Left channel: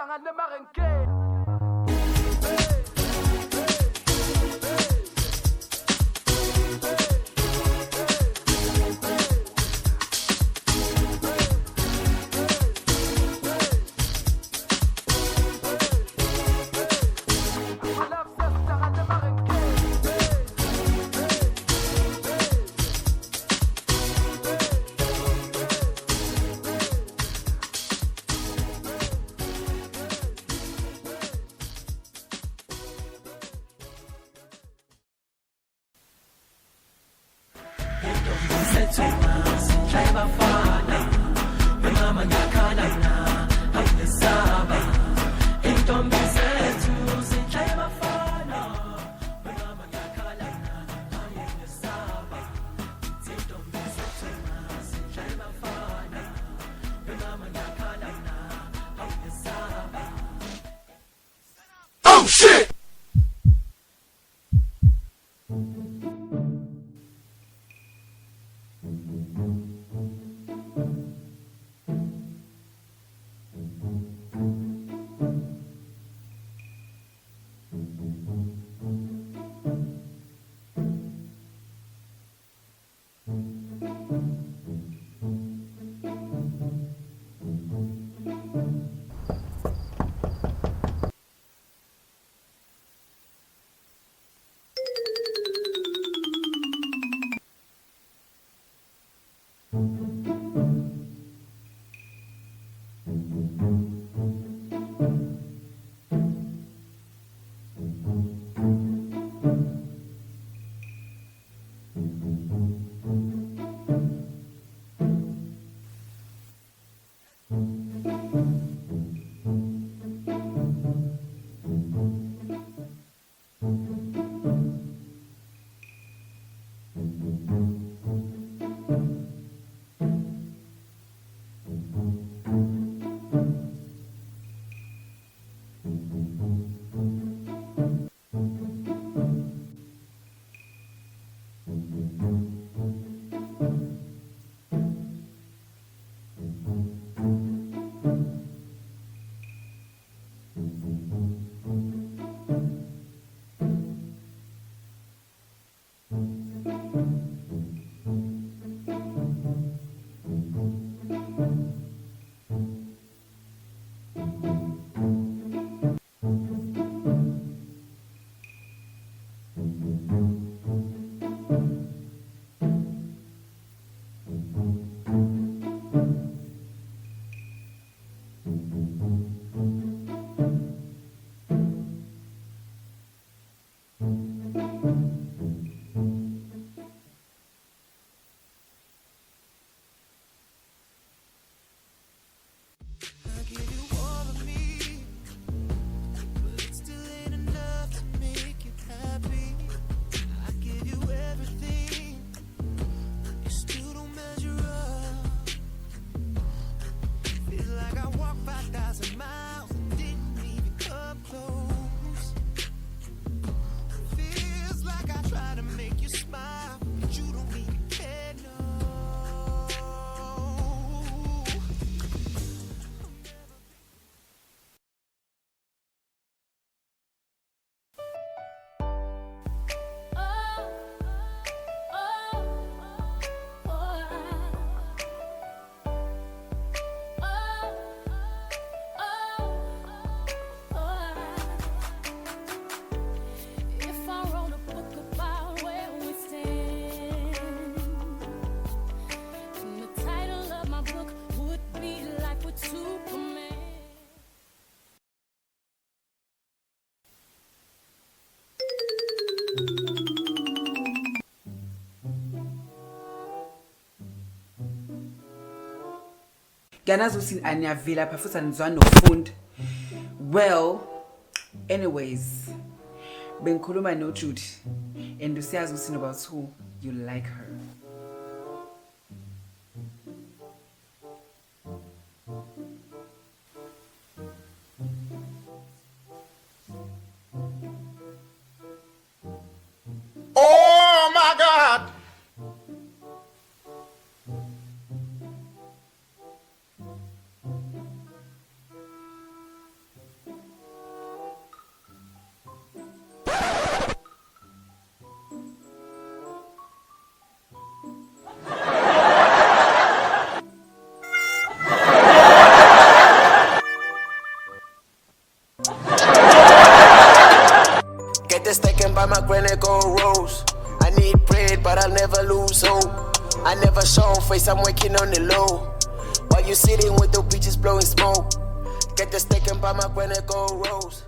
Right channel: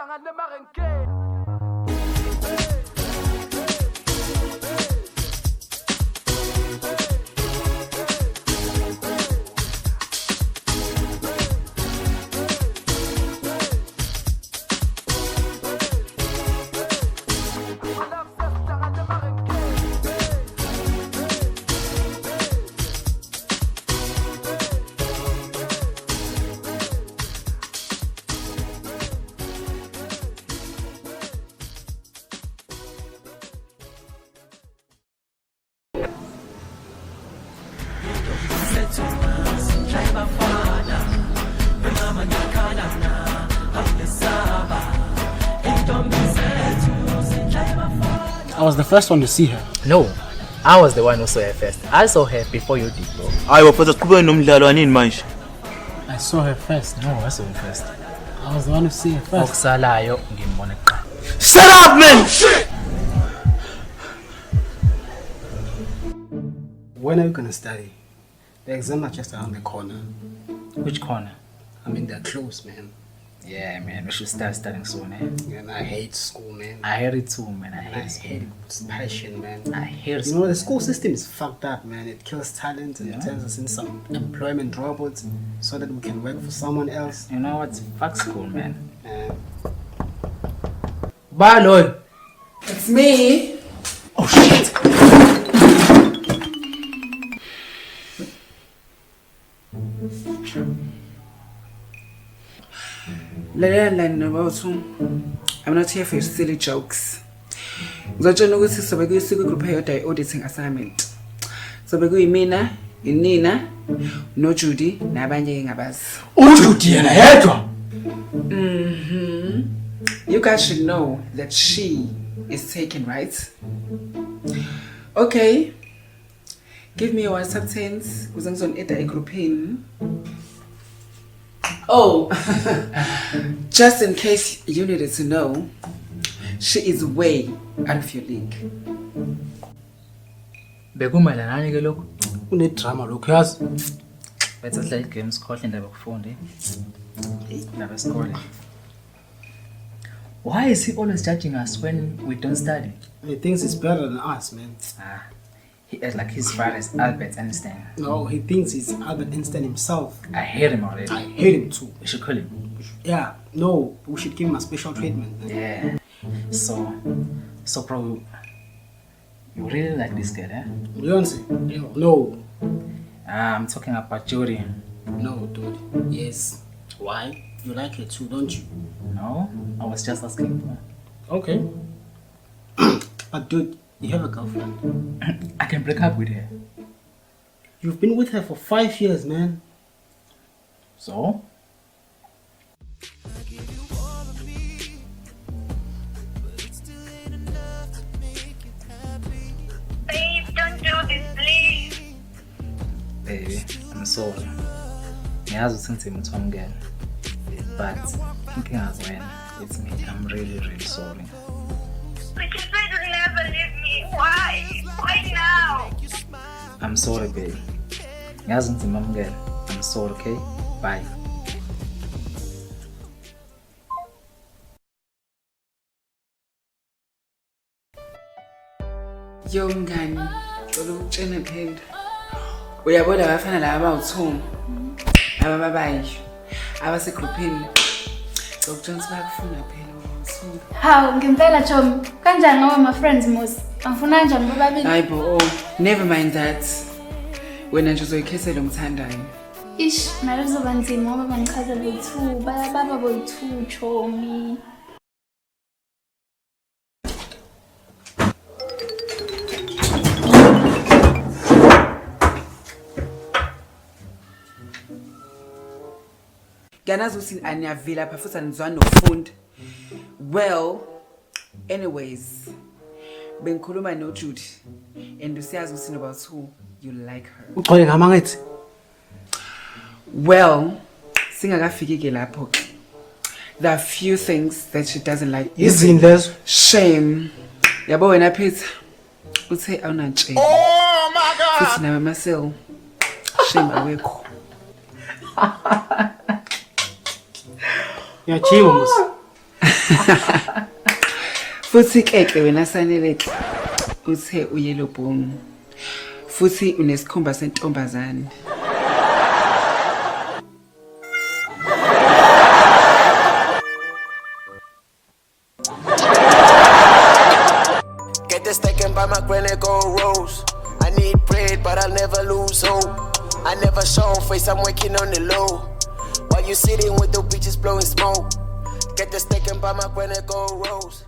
I was the first one to see her. No, I was the one who saw her first. I saw her before you did. I saw her first. No, I saw her first. I was the one to see her first. Shut up, man! Oh, shit! When are you gonna study? The exams are just around the corner. Which corner? I mean, they're close, man. Yeah, man, we should start studying soon, eh? And I hate school, man. I hate it too, man. I hate it with passion, man. I hate You know, the school system is fucked up, man. It kills talent and it turns us into some employment robots so that we can work for someone else. You know what? Fuck school, man. Bye, Lloyd. It's me. Oh, shit. I'm not here for your silly jokes. Ngizotshela ukuthi sobe kuyisiko group eyodwa auditing assignment. Sobe kuyimina, Nina, no Judy, nabanye ngabazi. Judy yena yedwa. You guys should know that she is taken, right? Okay. Give me your substance. Kuze ngizonida egroupini. Oh, just in case you needed to know, she is way out of your league. Bekumalanani ke lokho? Unedrama lokho yazi. Bethi sidlala games khohle indaba yokufunde. Indaba yesikole. Why is he always judging us when we don't study? He thinks he's better than us, man. He acts like his father is Albert Einstein. No, he thinks he's Albert Einstein himself. I hate him already. I hate him too. We should kill him. Yeah, no, we should give him a special treatment, man. Yeah. So bro, you really like this girl, eh? Beyonce? No. I'm talking about Jody. No, dude. Yes. Why? You like her too, don't you? No, I was just asking. Okay. But dude, you have a girlfriend. I can break up with her. You've been with her for 5 years, man. So? I give you all of me, but it still ain't enough to make you happy. Please don't do this, please. Baby, I'm sorry. Ngiyazi ukuthi ngizima uthwamukela. But thinking as when it's me, I'm really, really sorry. But you said you'll never leave me. Why? Why now? I'm sorry, baby. Ngiyazi ngizima uthwamukela. I'm sorry, okay? Bye. Yo mngani, ngicela ukutshena phela. Uyabona abafana laba abawu2 abababayi abasegroupini. Ngicela bakufuna phela. Hawu ngempela Tom, kanjani ngoba my friends mos? Angifuna nje bobabili. Hayibo, never mind that. Wena nje uzoyikhethela umthandayo. Ish, nalo kuzoba nzima ngoba bangichaza boyi2, baba boyi2 chomi. Ngiyanazi ukuthi aniyavila lapha futhi anizwani nokufunda. Well, anyways, bengikhuluma no Judy and usiyazi ukuthi noba2 you like her. Ugcwele ngama ngithi. Well, singakafiki ke lapho ke. There are few things that she doesn't like. Izini lezo. Shame. Yabo wena Peter. Uthe awunantshela. Oh my God! Futhi nawe Marcel. Shame awekho. Ngiyachiwa mos. Futhi ke wena saneleke uthe uyellow bone. Futhi unesikhumba sentombazane. Get this taken by my granny gold rose. I need bread, but I'll never lose hope. I never show face, I'm working on the low. While you sitting with the bitches blowing smoke. Get this taken by my granny gold rose.